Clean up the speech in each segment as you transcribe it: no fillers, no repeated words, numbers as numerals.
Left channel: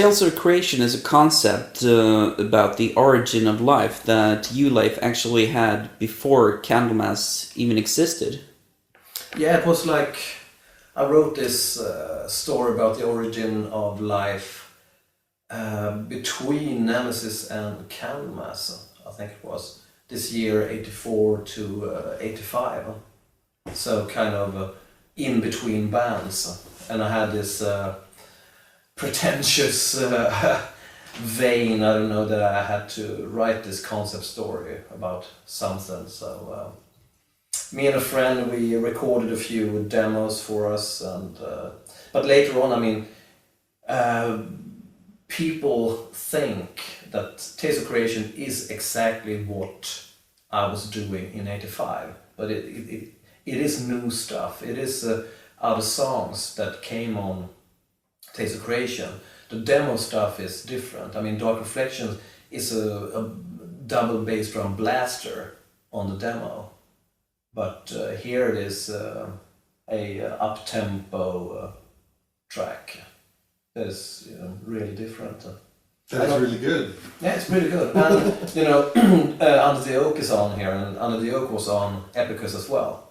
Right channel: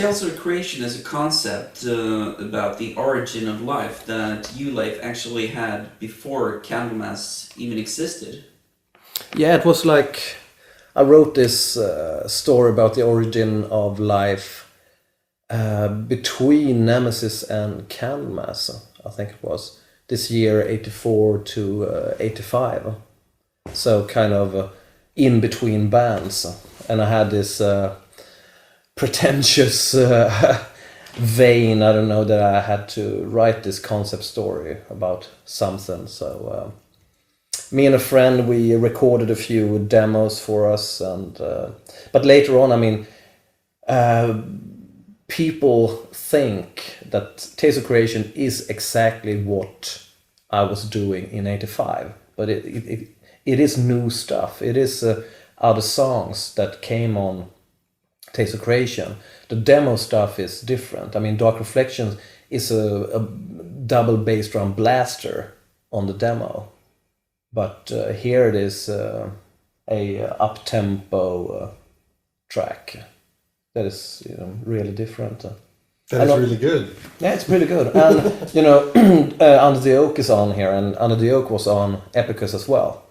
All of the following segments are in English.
Tales of Creation is a concept about the origin of life that you life actually had before Candlemass even existed. Yeah, it was like I wrote this story about the origin of life between Nemesis and Candlemass, I think it was, this year 84 to 85. So kind of in between bands. And I had this pretentious vein, I don't know, that I had to write this concept story about something. So me and a friend, we recorded a few demos for us, and but later on, I mean, people think that Taste of Creation is exactly what I was doing in '85, but it is new stuff. It is other songs that came on Taste of Creation. The demo stuff is different. I mean, Dark Reflections is a double bass drum blaster on the demo, but here it is a up-tempo track that is really different. That's really good. Yeah, it's pretty good. And Under the Oak is on here, and Under the Oak was on Epicus as well,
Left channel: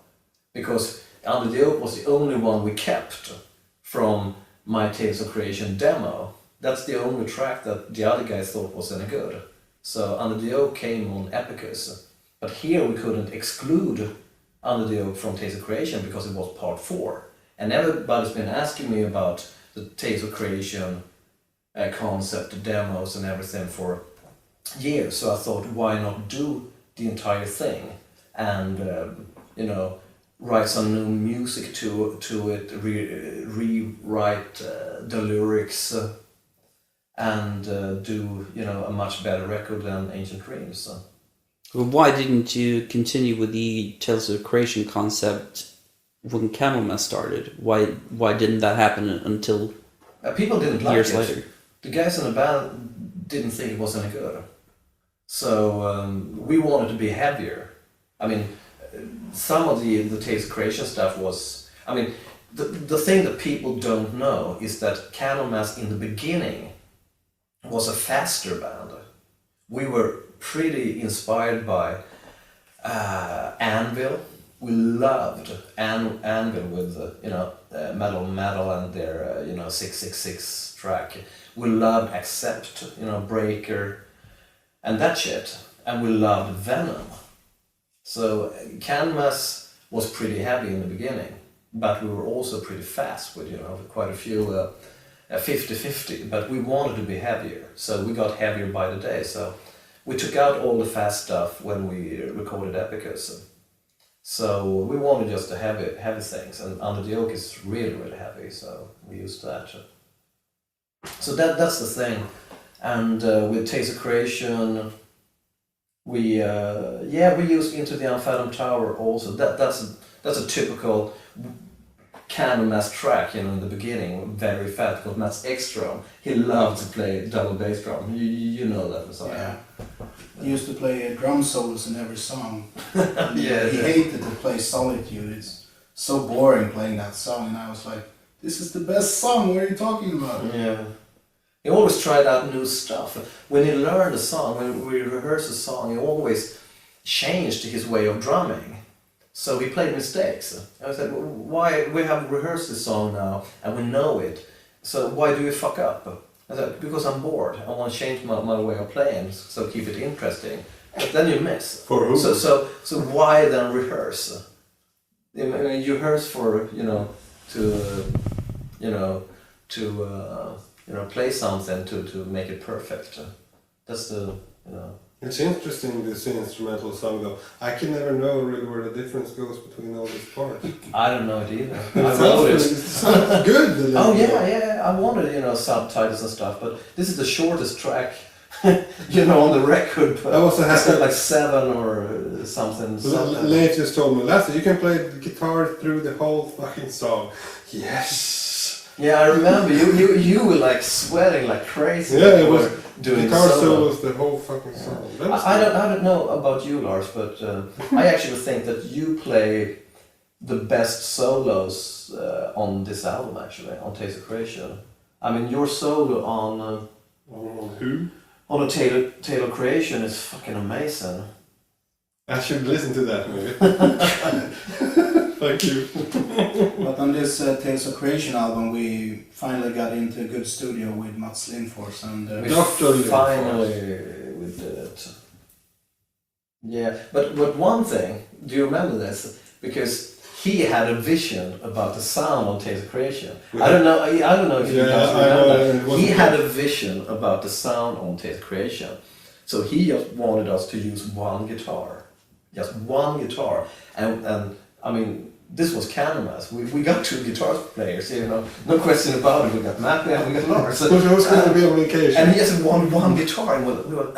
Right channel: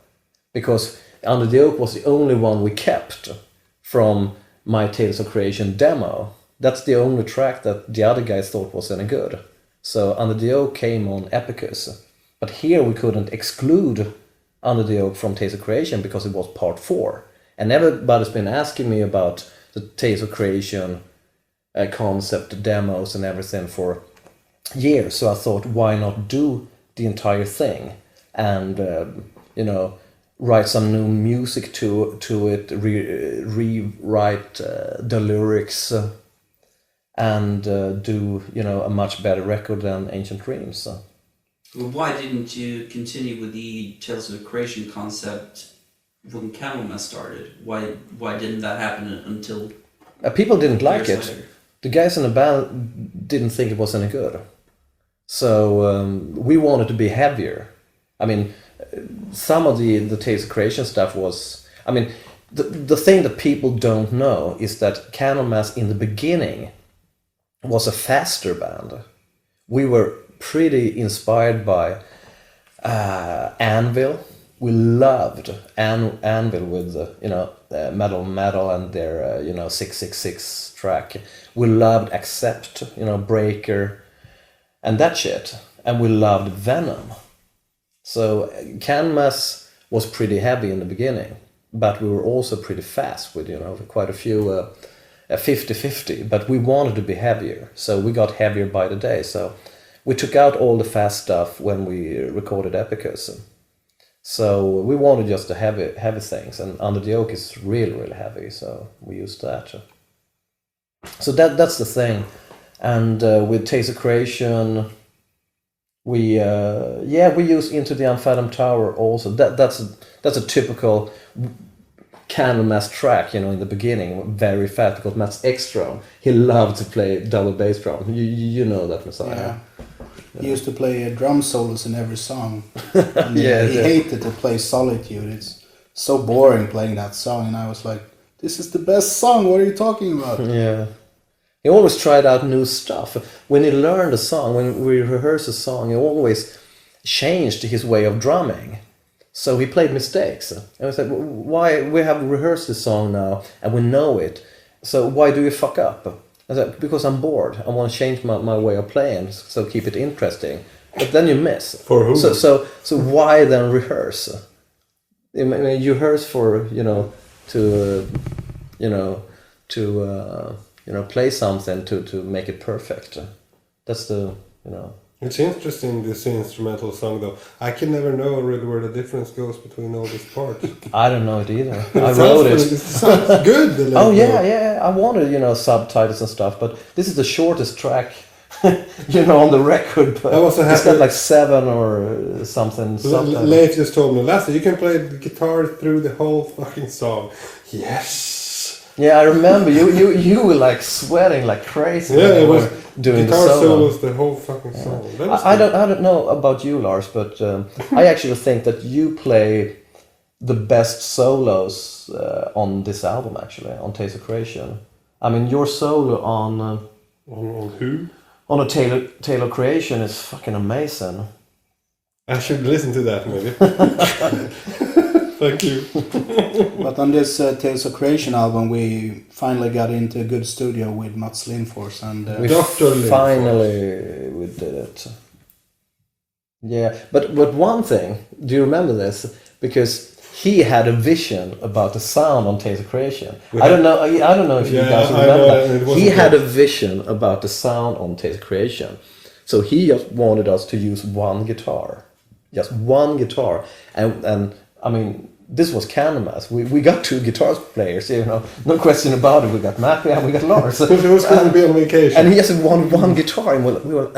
because Under the Oak was the only one we kept from my Tales of Creation demo. That's the only track that the other guys thought was any good. So Under the Oak came on Epicus. But here we couldn't exclude Under the Oak from Tales of Creation because it was part 4. And everybody's been asking me about the Tales of Creation concept demos and everything for years. So I thought, why not do the entire thing and write some new music to it, rewrite the lyrics, and do a much better record than Ancient Dreams. Why didn't you continue with the Tales of Creation concept when Candlemass started? Why didn't that happen until people didn't like years it. later? The guys in the band didn't think it was any good. So we wanted to be heavier. I mean, some of the Tales of Creation stuff was... I mean, the thing that people don't know is that Candlemass in the beginning was a faster band. We were pretty inspired by Anvil. We loved Anvil with Metal and their 666 track. We loved Accept, Breaker and that shit, and we loved Venom. So Candlemass was pretty heavy in the beginning, but we were also pretty fast with quite a few 50-50, but we wanted to be heavier, so we got heavier by the day. So we took out all the fast stuff when we recorded Epicus. So we wanted just the heavy things, and Under the Oak is really, really heavy, so we used that. So that's the thing. And with Taste of Creation, we use Into the Unfathomed Tower also. That's a typical Candlemass track, in the beginning, very fast, because Mats Ekström, he loved to play double bass drum. You know that, Messiah. Yeah. He used to play drum solos in every song. And he Yeah. hated to play Solitude. It's so boring playing that song, and I was like, this is the best song, what are you talking about? Yeah. He always tried out new stuff. When he learned a song, when we rehearsed a song, he always changed his way of drumming. So he played mistakes. And I said, why? We have rehearsed this song now and we know it. So why do you fuck up? I said, because I'm bored. I want to change my way of playing, so keep it interesting. But then you miss. For who? So why then rehearse? I mean, you rehearse for, to play something to make it perfect. That's the. It's interesting, this instrumental song, though. I can never know really where the difference goes between all these parts. I don't know it either. I wrote it. It sounds good. Oh yeah. I wanted subtitles and stuff, but this is the shortest track, on the record. But I was it's got like 7 or something. Leif just told me, Lasse, you can play the guitar through the whole fucking song. Yes. Yeah, I remember you were like sweating like crazy. Yeah, it was doing guitar solo. solos the whole fucking song. I don't know about you, Lars, but I actually think that you play the best solos on this album, actually, on Taste of Creation. I mean, your solo on On who? a Taylor creation is fucking amazing. I should listen to that maybe. Thank you. But on this Tales of Creation album, we finally got into a good studio with Mats Lindfors and We Dr. Lindfors. finally we did it. Yeah, but one thing, do you remember this? Because he had a vision about the sound on Taste of Creation. Yeah. I don't know if you Yeah, guys I remember know, that. it wasn't He had good. a vision about the sound on Taste of Creation. So he just wanted us to use one guitar. Just one guitar. And I mean, this was Candlemass. We got 2 guitar players, you know, no question about it. We got Matt and we got Lars. So he was going to be on vacation. And he just wanted one guitar, and we were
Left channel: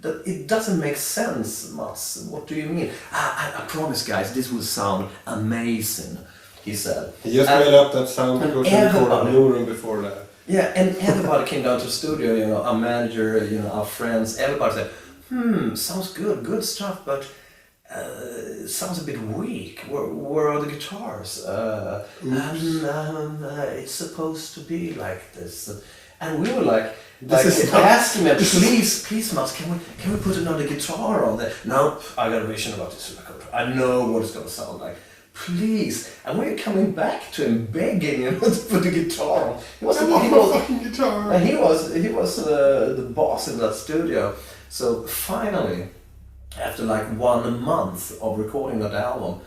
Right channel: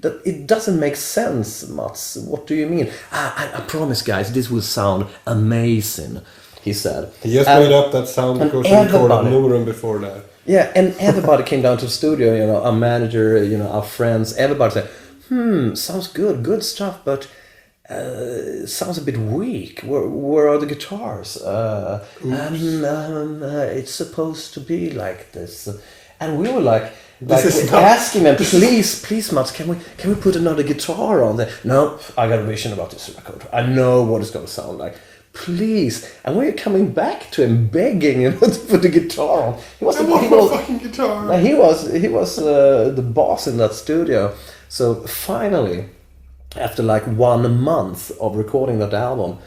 that it doesn't make sense, Mats. What do you mean? I promise, guys, this will sound amazing, he said. He just And- made up that sound and because he recorded everybody- Noren before that. Yeah, and everybody came down to the studio, you know, our manager, you know, our friends, everybody said, sounds good stuff, but sounds a bit weak. Where are the guitars? It's supposed to be like this. And we were like is not- asking them, please, Mats, can we put another guitar on there? No, I got a vision about this record. I know what it's going to sound like. Please. And we're coming back to him begging him to put the guitar on. He was fucking guitar. he was the boss in that studio. So finally, after like 1 month of recording that album,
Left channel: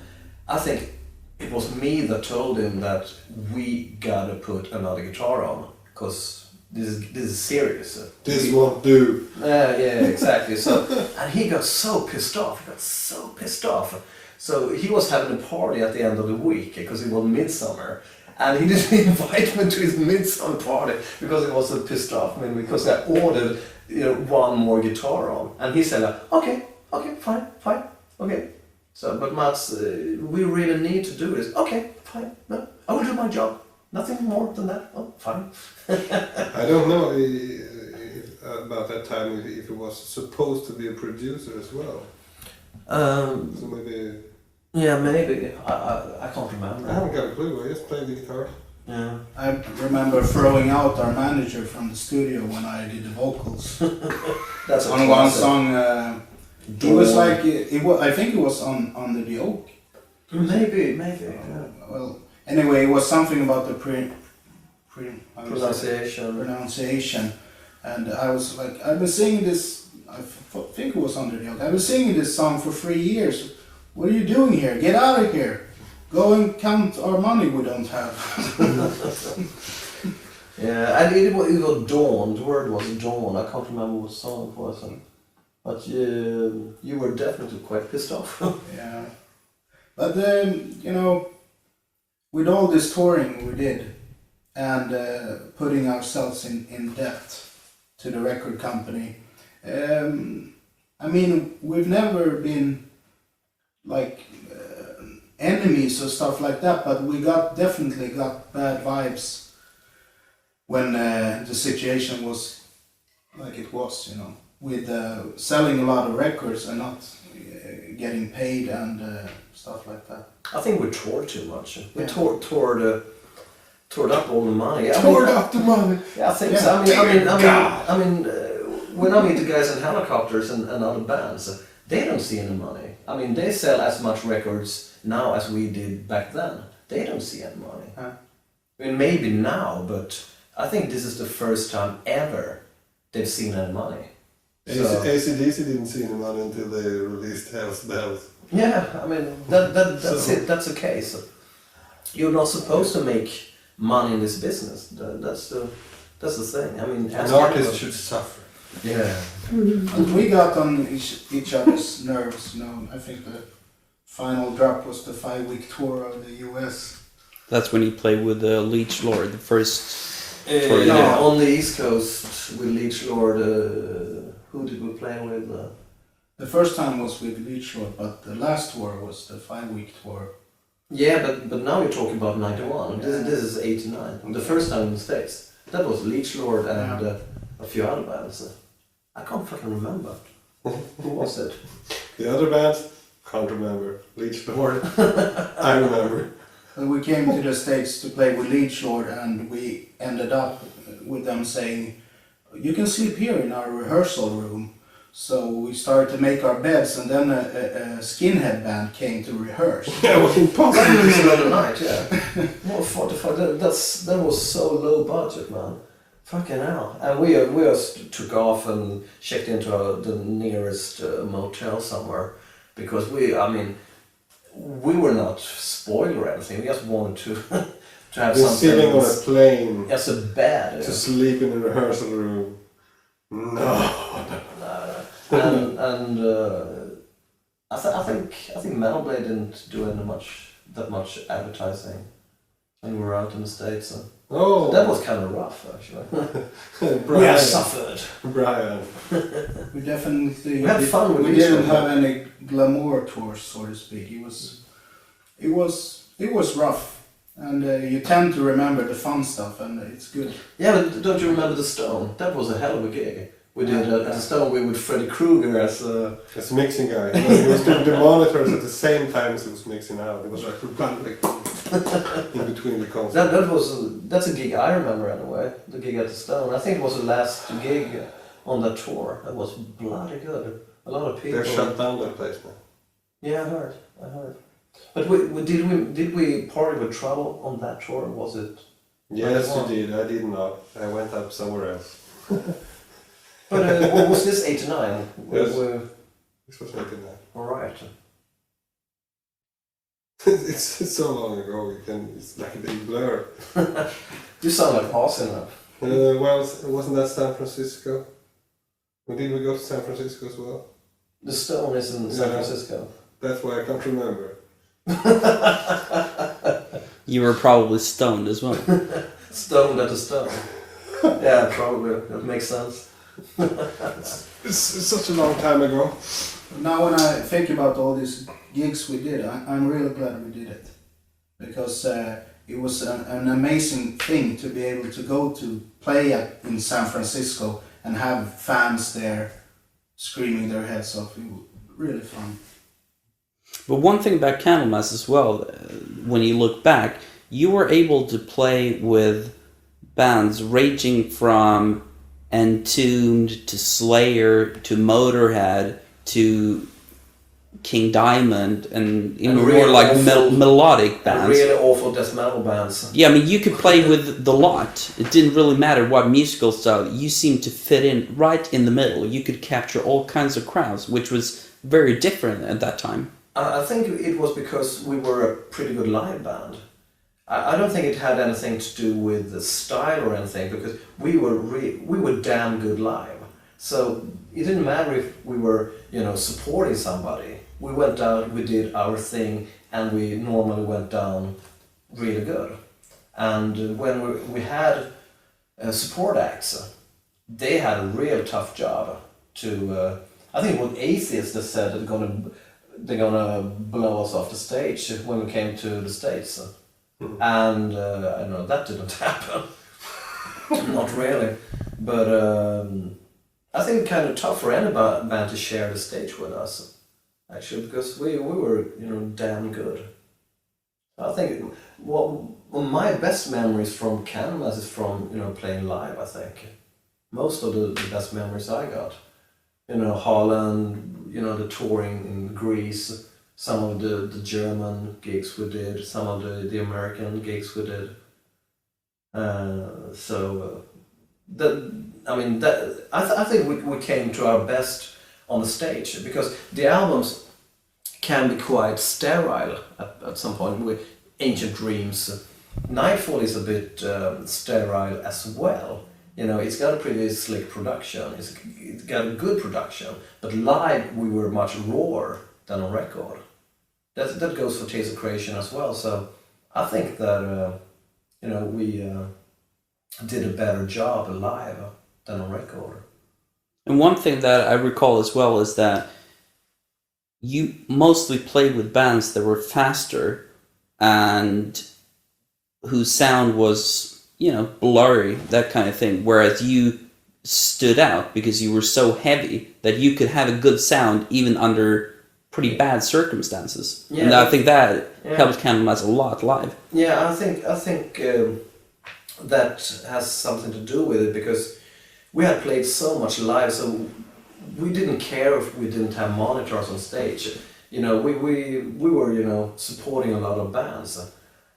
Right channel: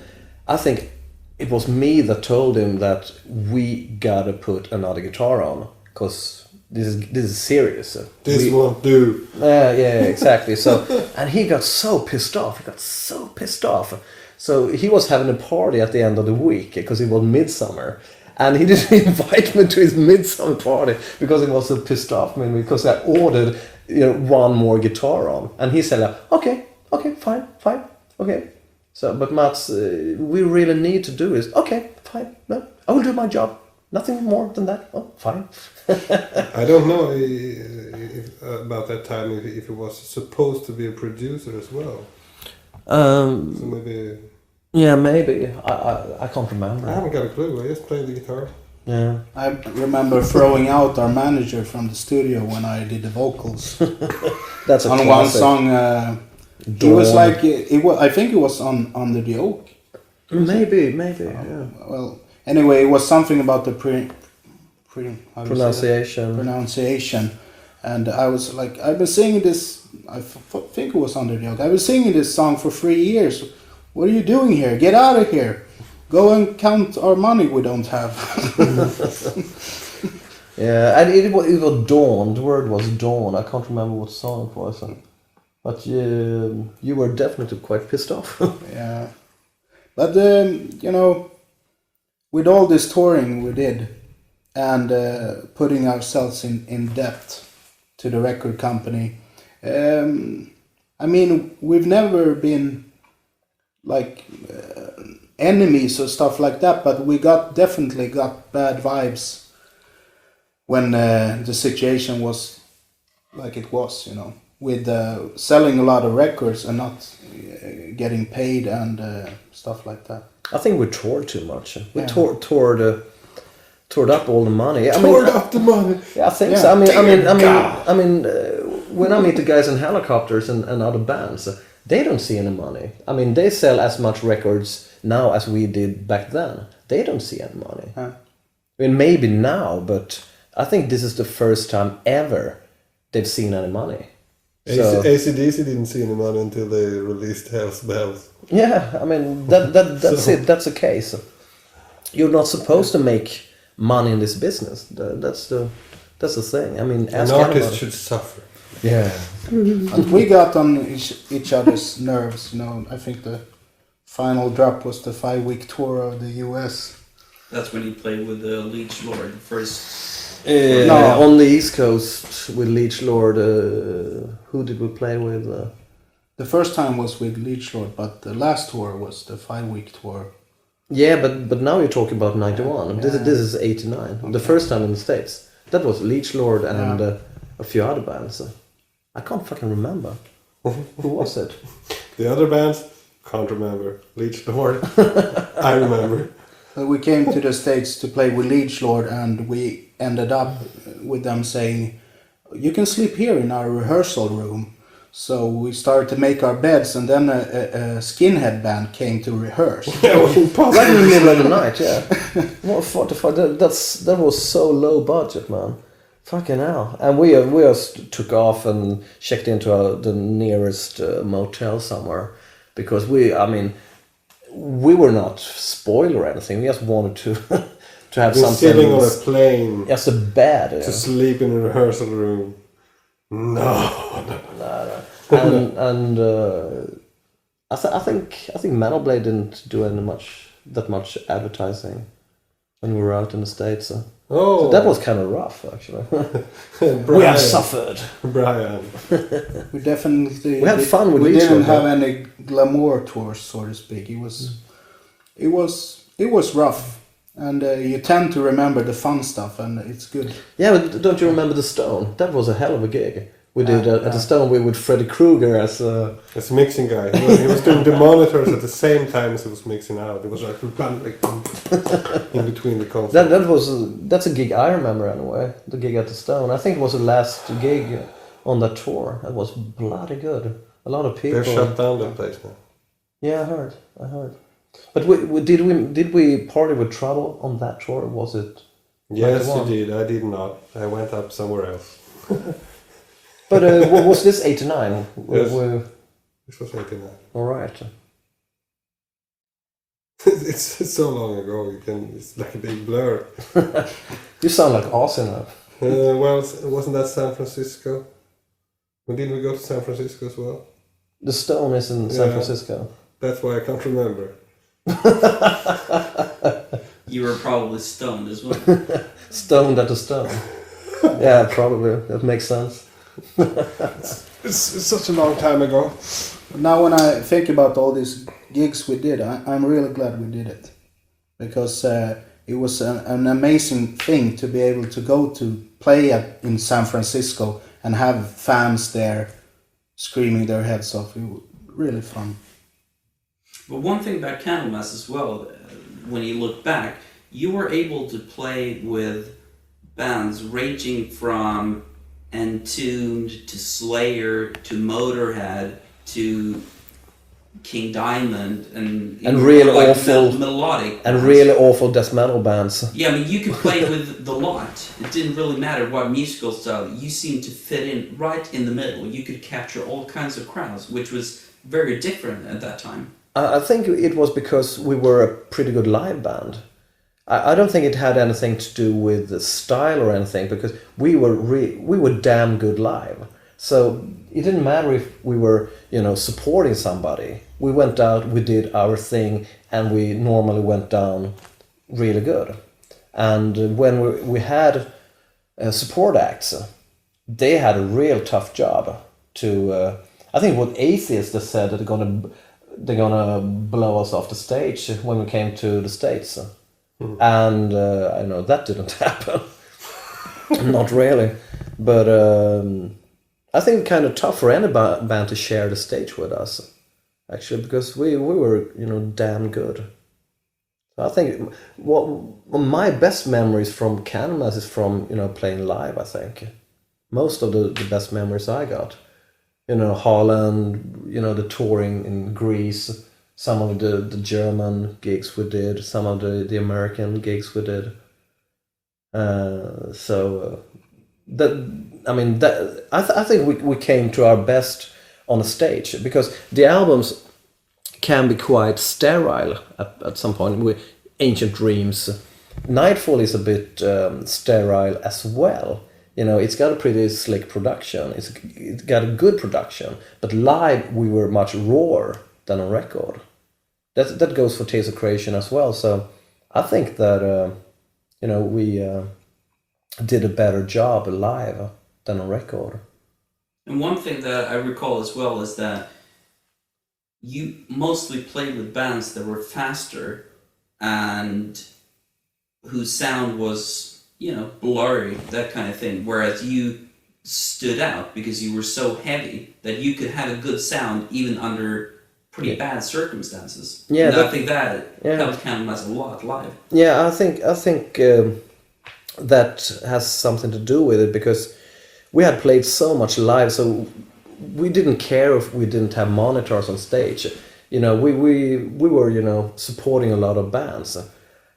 I think it was me that told him that we gotta put another guitar on, because this is serious. This won't do. Yeah, exactly. So, and he got so pissed off. So he was having a party at the end of the week because it was midsummer. And he didn't invite me to his midsummer party because he was so pissed off me, because I ordered, you know, one more guitar on. And he said, okay, fine, okay. So, but Mats, we really need to do this. Okay, fine, no, I will do my job. Nothing more than that. Oh, fine. I don't know about that time if he was supposed to be a producer as well. So maybe... Yeah, maybe. I can't remember. I haven't got a clue. I just played the guitar. Yeah. I remember throwing out our manager from the studio when I did the vocals. That's a on one classic. song, he was Dawn. like, I think it was on Under the Oak. Maybe. Yeah. Well, anyway, it was something about the pronunciation. And I was like, I've been singing this, I think it was Under the Oak. I've been singing this song for 3 years. What are you doing here? Get out of here. Go and count our money we don't have. Yeah, and it was Dawn. The word was Dawn. I can't remember what song it was. But you were definitely quite pissed off. Yeah. But, you know, with all this touring we did and putting ourselves in debt to the record company, I mean, we've never been like enemies or stuff like that, but we definitely got bad vibes when the situation was like it was, you know, with selling a lot of records and not getting paid and stuff like that. I think we toured too much. We Yeah. toured up all the money. Poured up the money. Yeah, I think Yeah. so. Dear I mean, when I meet the guys in Helicopters and other bands, they don't see any money. I mean, they sell as much records now as we did back then. They don't see any money. Huh. I mean, maybe now, but I think this is the first time ever they've seen any money. So, AC/DC didn't see any money until they released Hell's Bells. yeah, I mean, that's So- it. That's the case. You're not supposed to make money in this business. That's the thing. I mean, An ask artist anybody. should suffer. Yeah. But we got on each other's nerves, you know. I think the final drop was the 5-week tour of the US. That's when you played with Leech Lord, the first. No, on the East Coast with Leech Lord. Who did we play with? The first time was with Leech Lord, but the last tour was the 5-week tour. Yeah, but now you're talking about 91. Yeah. This is 89. The first time in the States. That was Leech Lord and a few other bands. I can't fucking remember. Who was it? The other bands, can't remember. Leech Lord, I remember. We came to the States to play with Leech Lord, and we ended up with them saying, "You can sleep here in our rehearsal room." So we started to make our beds, and then a skinhead band came to rehearse. That was impossible. Right in the middle of the night, yeah. What 45? That was so low budget, man. Fucking hell. And we just took off and checked into the nearest motel somewhere, because we were not spoiled or anything. We just wanted to to have We're something. sitting on a plane Just a bed. to sleep in a rehearsal room. No. And I think Metal Blade didn't do that much advertising when we were out in the States. So that was kind of rough, actually. We have suffered. Brian. We definitely We had fun with We Leech didn't Lord, have any glamour tours, so to speak. It was rough, and you tend to remember the fun stuff, and it's good. Yeah, but don't you remember the Stone? That was a hell of a gig. We did at the Stone with Freddy Krueger as As mixing guy. He was doing the monitors at the same time as he was mixing out. It was like in between the concerts. that's a gig I remember anyway. The gig at the Stone. I think it was the last gig on that tour. It was bloody good. A lot of people. They've shut down that place now. Yeah, I heard. But did we party with Trouble on that tour? Was it? Yes, you 91? did. I did not. I went up somewhere else. But was this 89? Yes. This was 89. All right. It's so long ago. It's like a big blur. You sound like Austin now. Well, wasn't that San Francisco? When did we go to San Francisco as well? The Stone is in San Yeah. Francisco. That's why I can't remember. You were probably stoned as well. Stoned at the Stone. Yeah, probably. That makes sense. It's such a long time ago. Now, when I think about all these gigs we did, I'm really glad we did it, because it was an amazing thing to be able to go to play in San Francisco and have fans there screaming their heads off. It was really fun. But one thing about Candlemass as well, when you look back, you were able to play with bands ranging from Entombed to Slayer to Motorhead to King Diamond and really more like awful- melodic And bands. really awful death metal bands. Yeah, I mean, you could play with the lot. It didn't really matter what musical style. You seemed to fit in right in the middle. You could capture all kinds of crowds, which was very different at that time. I think it was because we were a pretty good live band. I don't think it had anything to do with the style or anything, because we were damn good live. So it didn't matter if we were, supporting somebody. We went out, we did our thing, and we normally went down really good. And when we had support acts, they had a real tough job to. I think what Atheists said that they're gonna blow us off the stage when we came to the States. And I know that didn't happen. Not really. But I think kind of tough for any band to share the stage with us, actually, because we were, damn good. I think my best memories from Candlemass is from, playing live, I think. Most of the best memories I got. Holland, the touring in Greece, some of the German gigs we did, some of the American gigs we did. I think we came to our best on the stage, because the albums can be quite sterile at some point. With Ancient Dreams, Nightfall is a bit sterile as well. It's got a pretty slick production. It's got a good production, but live we were much rawer than on record. That goes for Tales of Creation as well. So I think that we did a better job live than on record. And one thing that I recall as well is that you mostly played with bands that were faster and whose sound was, blurry, that kind of thing. Whereas you stood out because you were so heavy that you could have a good sound even under pretty bad circumstances. Yeah, and I but- think that Yeah. helps Candlemass a lot live. Yeah, I think that has something to do with it because we had played so much live, so we didn't care if we didn't have monitors on stage. You know, we were, you know, supporting a lot of bands,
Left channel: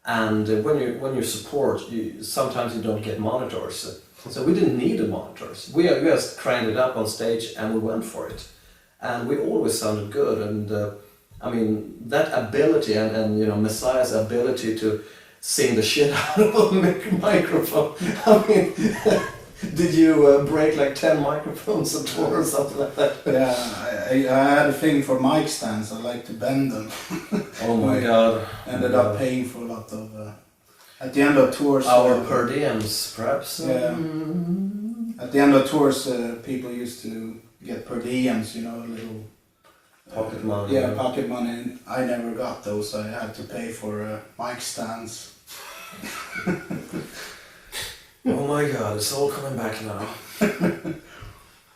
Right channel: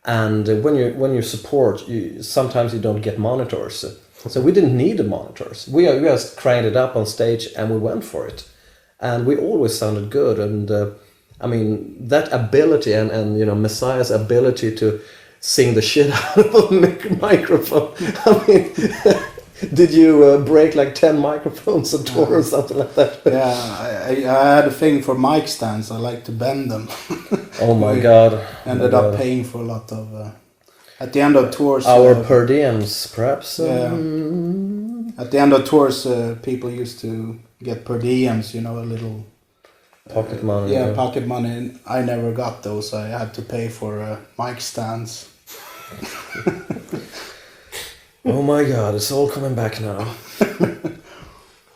and when you support, sometimes you don't get monitors. So we didn't need the monitors. We just cranked it up on stage and we went for it, and we always sounded good. And I mean, that ability and you know, Messiah's ability to sing the shit out of a microphone. I mean, did you break like 10 microphones a tour or something like that? Yeah, I had a thing for mic stands. I like to bend them. Oh my god. Ended up paying for a lot of... at the end of tours... Our per diems, perhaps? Yeah. At the end of tours, people used to get per diems, you know, a little... Pocket money. Yeah, pocket money. And I never got those. I had to pay for mic stands. Oh my god, it's all coming back now.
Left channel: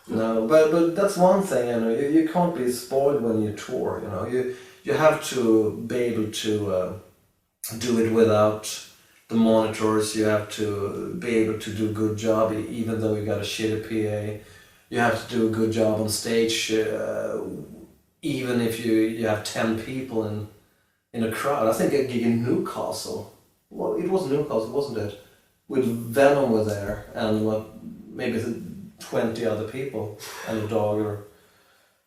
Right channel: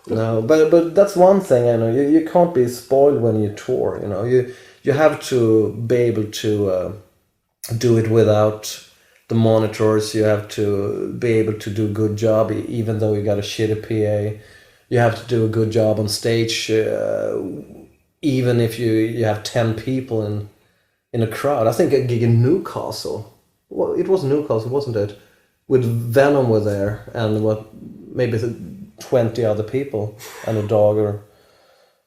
No, but that's one thing, you know, you can't be spoiled when you tour, you know. You have to be able to do it without the monitors. You have to be able to do a good job even though you got a shitty PA. You have to do a good job on stage even if you have 10 people in a crowd. I think a gig in Newcastle, well, it was Newcastle, wasn't it? With Venom were there and maybe 20 other people and a dog.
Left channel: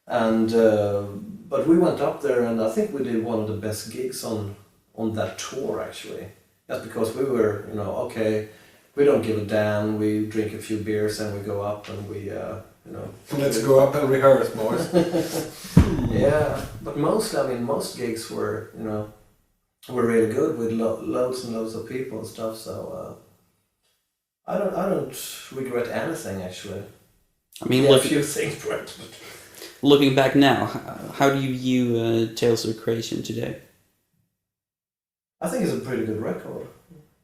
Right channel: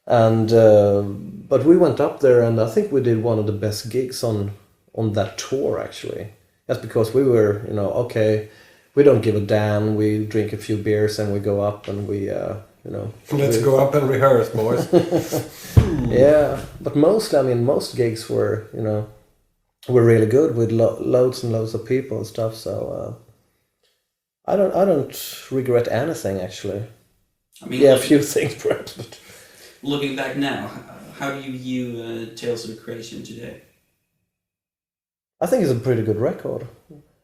But we went up there and I think we did one of the best gigs on that tour actually. That's because we were, you know, okay, we don't give a damn. We drink a few beers and we go up and we, you know. Let's go up and rehearse, boys. Yeah, but most gigs were, you know, were really good with loads and loads of people and stuff. So I don't regret anything actually. I mean, Yeah, a few things perhaps. But looking back now, how do you view Tales of Creation today? I think it's a pretty good record.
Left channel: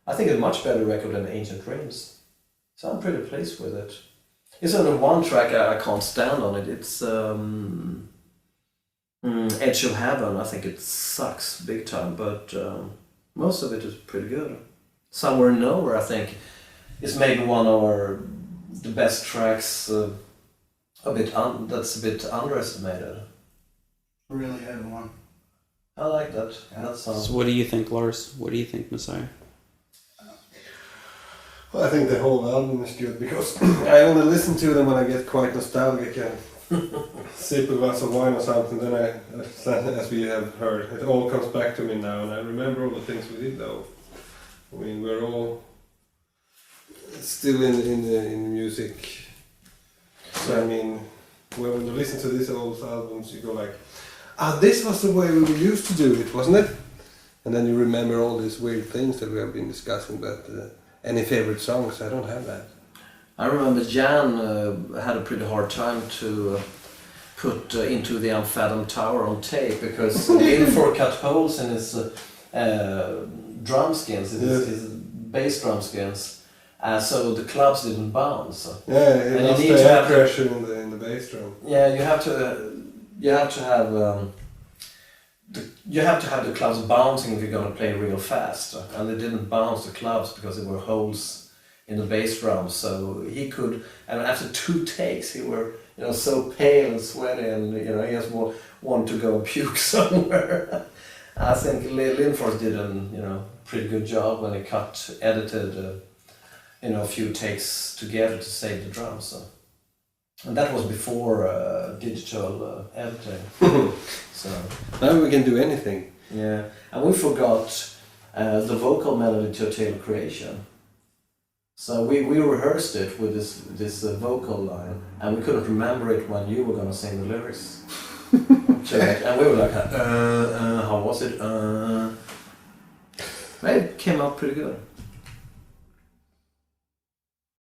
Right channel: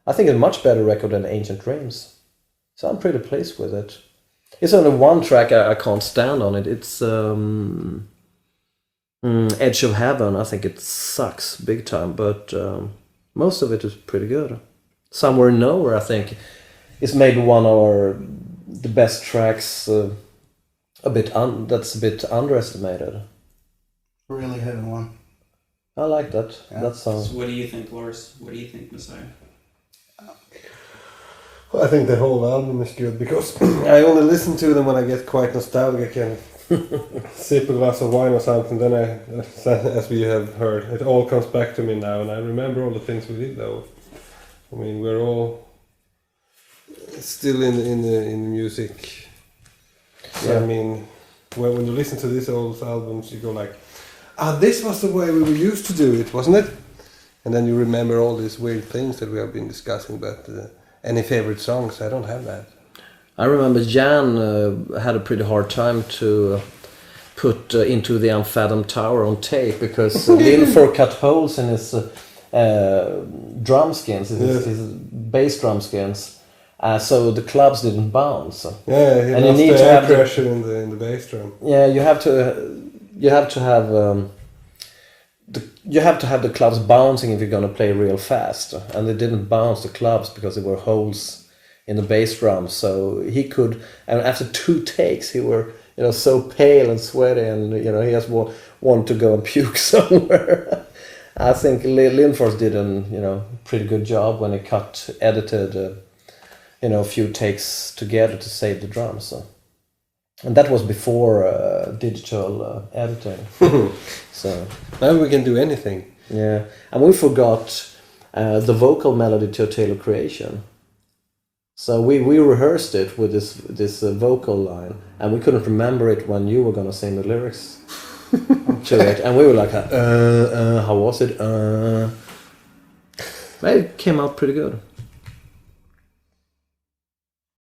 I think it's a much better record than Ancient Dreams. So I'm pretty pleased with it. It's only one track I can't stand on it. It's Edge of Heaven. I think it sucks big time, but most of it is pretty good. Somewhere Nowhere, I think, is maybe one of the best tracks. That's a bit underestimated. Really heavy one. I like that. Yeah. That song. So what do you think, Lars? What do you think, Messiah? Well, I think the whole album is good because I only listen to them when I get quite nostalgic and sip a glass of wine or something. Then as we have heard, it all comes back to me now, and I remember all the things we did. Though, I mean, we're all still in the music. So, I mean, when you listen to these old albums, you go like, this was the way we used to do it, wasn't it? And then you remember all these weird things that we have been discussing, but any favorite songs? I don't have that. I remember Jan had a pretty hard time to put Into the Unfathomed Tower on tape because Linford cut holes in his drum skins, his bass drum skins, so the clubs didn't bounce. Yeah, And lost you need the to air have pressure in the bass drum. Yeah, you have to have the clubs bouncing if you're gonna play real fast, and they didn't bounce the clubs because there were holes in the bass drum. So he could, and after 2 takes, he were, you know, so pale and sweaty, and you know he just wanted to go and puke somewhere. I think Linfors did a pretty good job when he edited a few takes together to save the drums. So. And that was before digital editing. So now we can do anything. Yeah, and we forgot the vocal melody to A Tale of Creation. So we rehearsed it with this vocal line, and we couldn't remember it when you were gonna sing the lyrics to it, and we were like, how was it? But it came out pretty good.